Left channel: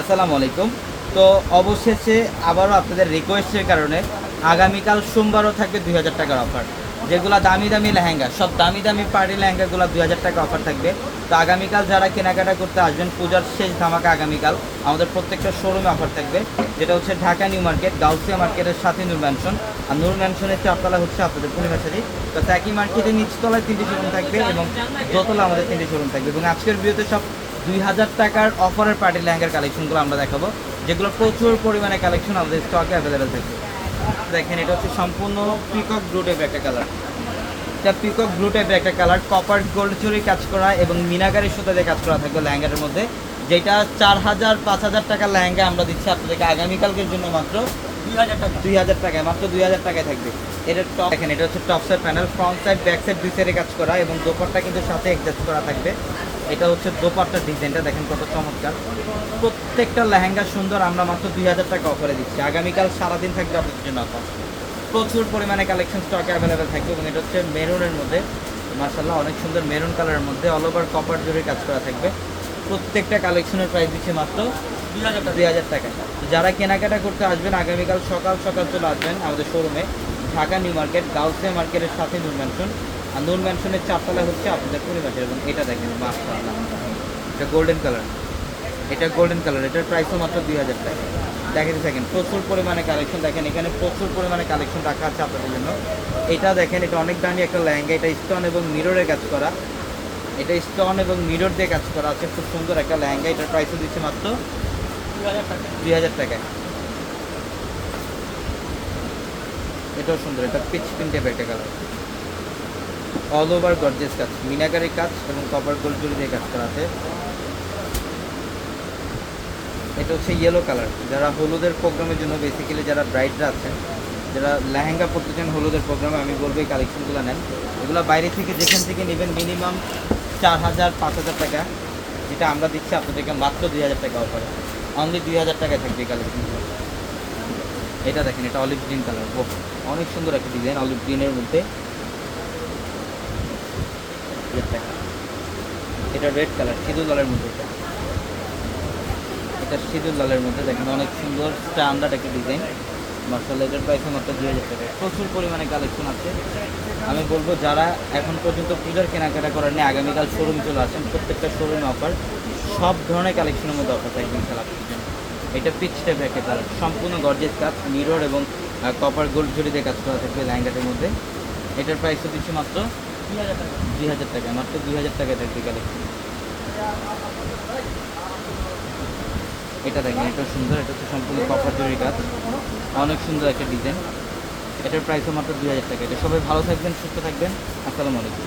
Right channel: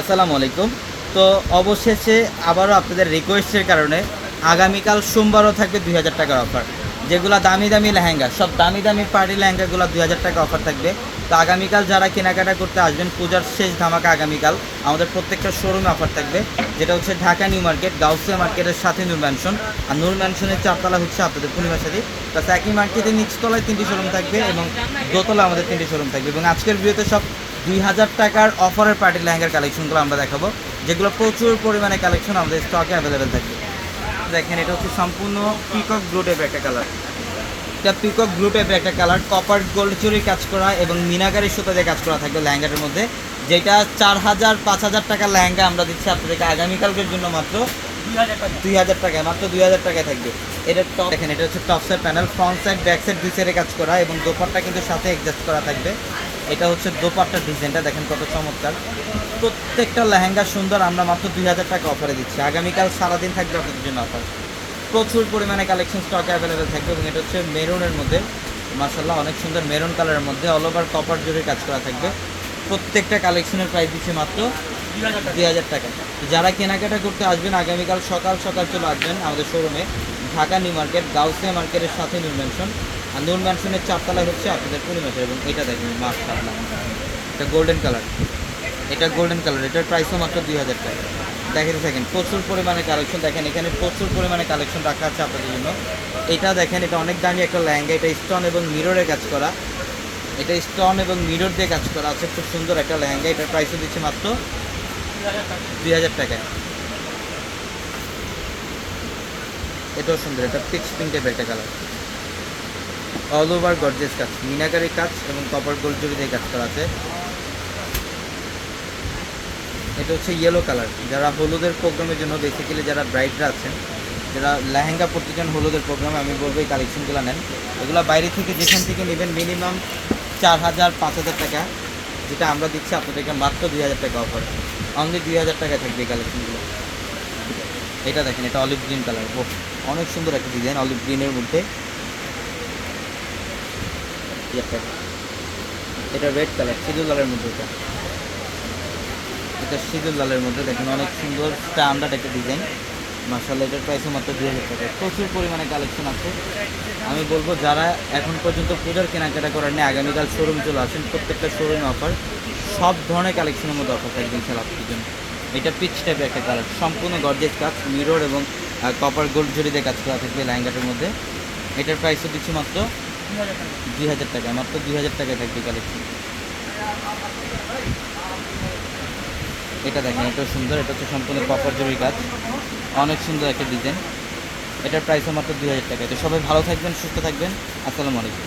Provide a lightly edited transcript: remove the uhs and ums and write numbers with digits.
আসসালামু আলাইকুম। তো অবশেষে আবারও আপনাদের রিকোয়েস্টের কারণে আগামীকাল সোমবারও থাকবে ২,০০০ টাকার অফার। যেগুলা দামি, দামি লেহেঙ্গা, সব দামি, দামি পার্টি লেহেঙ্গাগুলো ২,০০০ টাকা অফার থাকবে। তো আগামীকাল যারা কেনাকাটা করতে আসবেন, পূজার শেষ ধামাকা আগামীকাল আমাদের প্রত্যেকটা শোরুমে অফার থাকবে। যেটা হচ্ছে ঢাকা নিউ মার্কেট, গাউসিয়া মার্কেটের সাথে নূর ম্যানশন। আর নূর ম্যানশনের ৪ তলা হচ্ছে আপনাদের পূর্ণিমা শাড়ি। প্লাস একই মার্কেটের নিচতলায় ৩টি শোরুম থাকবে এবং দোতলা আমাদের 3টি শোরুম থাকবে। এবং আজকের ভিডিওতে সব ২,০০০ টাকার অফারের পার্টি লেহেঙ্গার কালেকশনগুলো আমরা দেখাবো, যেগুলো প্রচুর পরিমাণে কালেকশন আমাদের স্টকে অ্যাভেলেবেল থাকবে। দেখেন, এটা হচ্ছে সম্পূর্ণ পিকক ব্লু টাইপের একটা কালার। এটা পিকক ব্লু টাইপের একটা কালার, কপার গোল্ড চুরির কাজ করা এবং মিনাকারি সুতা দিয়ে কাজ করা থাকবে লেহেঙ্গাটার মধ্যে। যেটা ৪,০০০-৫,০০০ টাকার লেহেঙ্গা আমরা দিচ্ছি আপনাদেরকে আগামীকালকের জন্য মাত্র ২,০০০ টাকায়, মাত্র ২,০০০ টাকায় থাকবে। এটা টপ দেখেন, এটা হচ্ছে top side panel, front side back side দুই সাইডে কাজ করা এবং দোপাট্টা কিন্তু সাথে অ্যাডজাস্ট করা থাকবে। এটা হচ্ছে দোপাট্টার ডিজাইনটা দেখেন কত চমৎকার। প্রত্যেকটা লেহেঙ্গা সুন্দর, আমরা মাত্র ২,০০০ টাকা অফারে দিচ্ছি। আগামীকাল সারাদিন থাকবে আপনাদের জন্য অফার। প্রচুর পরিমাণে কালেকশন স্টকে অ্যাভেলেবেল থাকবে এবং এটা হচ্ছে মেরুনের মধ্যে, মাশাআল্লাহ অনেক সুন্দর মেরুন কালারের মধ্যে অল ওভার কপার জুড়ে কাজ করা থাকবে। প্রত্যেকটা কালেকশনের প্রাইস দিচ্ছে মাত্র ২,০০০ টাকা। যারা কেনাকাটা করতে আসবেন আগামীকাল সকাল সকাল চলে আসবেন আমাদের শোরুমে, ঢাকা নিউ মার্কেট, গাউসিয়া মার্কেটের সাথে নূর ম্যানশন। আর নূর ম্যানশনের ৪ তলায় হচ্ছে আপনাদের পূর্ণিমাতে। এবং এটা দেখেন মাশাআল্লাহ, এটা গোল্ডেন কালার, এটা গোল্ডেন কালার, এটার প্রাইসও মাত্র ২,০০০ টাকা। দেখেন প্রচুর পরিমাণে কালেকশন, দেখেন এখানে প্রচুর পরিমাণে কালেকশন রাখা আছে আপনাদের জন্য। এটা দেখেন, এটা অনেক দামি একটা লেহেঙ্গা, এটা স্টোন এবং মিররের কাজ করা, এটা স্টোন এবং মিরর দিয়ে কাজ করা আছে, খুব সুন্দর একটা লেহেঙ্গা। এটার প্রাইসও দিচ্ছে মাত্র ২,০০০ টাকায়। এটাও সুন্দর, এটা পিক্স পিঙ্ক টাইপের একটা কালার, অল ওভার গর্জিয়াস কাজ, মিনাকারি কাজ এবং কপার গোল্ড জুড়ি দিয়ে কাজ করা আছে। এটা হচ্ছে ইয়েলো কালার, যারা হলুদের প্রোগ্রামের জন্য, বেসিক্যালি যারা ব্রাইডরা আছেন, যারা লেহেঙ্গা পরতে চান হলুদের প্রোগ্রামে, আমি বলবো এই কালেকশনগুলো নেন। এগুলো বাইরে থেকে যেখান থেকে নেবেন মিনিমাম ৪,০০০-৫,০০০ টাকা, যেটা আমরা দিচ্ছি আপনাদেরকে মাত্র ২,০০০ টাকা অফার। অনলি ২,০০০ টাকা থাকবে এই কালেকশনগুলো। এটা দেখেন, এটা অলিভ গ্রিন কালার, ও অনেক সুন্দর একটা ডিজাইন অলিভ গ্রিনের মধ্যে। এটা রেড কালার, সিঁদুর লালের মধ্যে, এটা সিঁদুর লালের মধ্যে দেখেন অনেক সুন্দর স্ট্যান্ডার্ড একটা ডিজাইন। মাশাআল্লাহ, এটার প্রাইস মাত্র ২,০০০ টাকা। প্রচুর পরিমাণে কালেকশন আছে। আমি বলবো যারা এখন পর্যন্ত পূজার কেনাকাটা করেন না, আগামীকাল শোরুম চলে আসেন, প্রত্যেকটা শোরুম অফার, সব ধরনের কালেকশনের মধ্যে অফার থাকবে ইনশাআল্লাহ। এটা পিচ টাইপের একটা কালার, সম্পূর্ণ গর্জিয়াস কাজ, মিরর এবং কপার গোল্ড জড়ি দিয়ে কাজ করা থাকবে লেহেঙ্গাটার মধ্যে। এটার প্রাইসও দিচ্ছি মাত্র ২,০০০ টাকা, মাত্র ২,০০০ টাকায় থাকবে কালেকশন। এটা দেখেন, এটা সুন্দর, এটা হচ্ছে সম্পূর্ণ কপার জরির কাজ, অনেক সুন্দর একটা ডিজাইন। এটার প্রাইসও মাত্র ২,০০০ টাকা। এটা সবাই ভালো থাকবেন, সুস্থ থাকবেন। আসসালামু আলাইকুম।